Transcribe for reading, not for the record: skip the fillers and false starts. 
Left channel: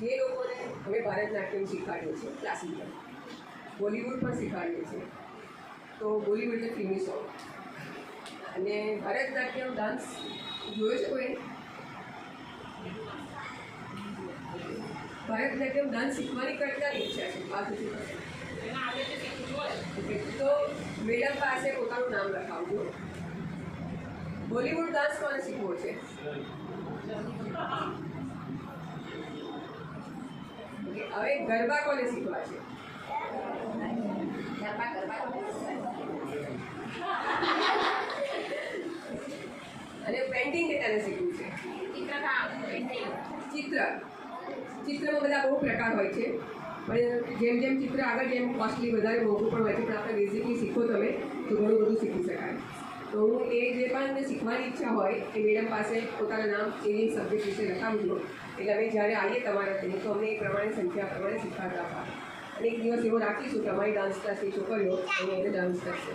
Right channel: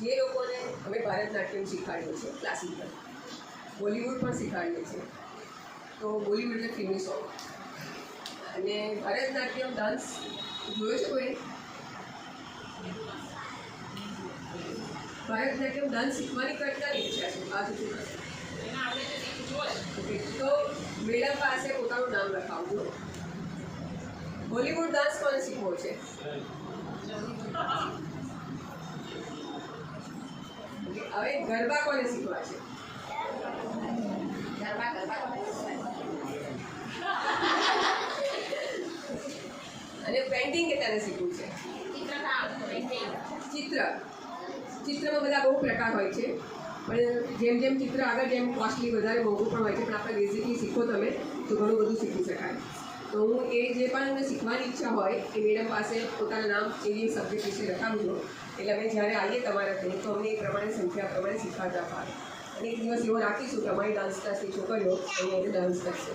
જે લોકોને અમે ભરતનાટ્યમ શીખવાડીએ છીએ ક્લાસિકલ, બોલિવૂડ પણ શીખવાડીએ છીએ. તો બોલિવૂડ એટલે ફિલ્મી સોંગ અને ભરતનાટ્યમ ડાન્સ જોયો છે કોઈ? ભરતનાટ્યમ ડાન્સ શીખવાની કરતા ઈચ્છા છે આ સુધી. તો મેડમ પાસે પોતાનું નામ લખાવજો. બોલિવૂડ ડાન્સ કોને શીખવો છે? હવે ગરબા કોને શીખવા છે? અને પેઇન્ટિંગ કેટલાને શીખવું છે? ચિત્રમાં બધા બહુ પ્રકાર હોય છે, પણ જેમ જેમ ચિત્ર આગળ જેમ કોસ્ટલી વધારે મોંઘું પણ હોય છે, પણ આપણે બેઝિકલી શીખો તમે તો ઘણું બધું શીખી શકાય. તો હું એ જે પણ શીખવાની ઈચ્છા હોય એ મેડમ પાસે પોતાનું નામ એની સબ્જેક્ટ વિશે લખાવજો. એટલે અમે જ્યારે આવીએ તમારા ત્યાં તો અમને એ પ્રમાણે સંખ્યા પ્રમાણે શીખવાડતા હોય. અને એક દિવસ એવો રાખીશું કે અમારી ડાન્સ ક્લાસની છોકરીઓ અહીંયા ડાન્સ કરશે.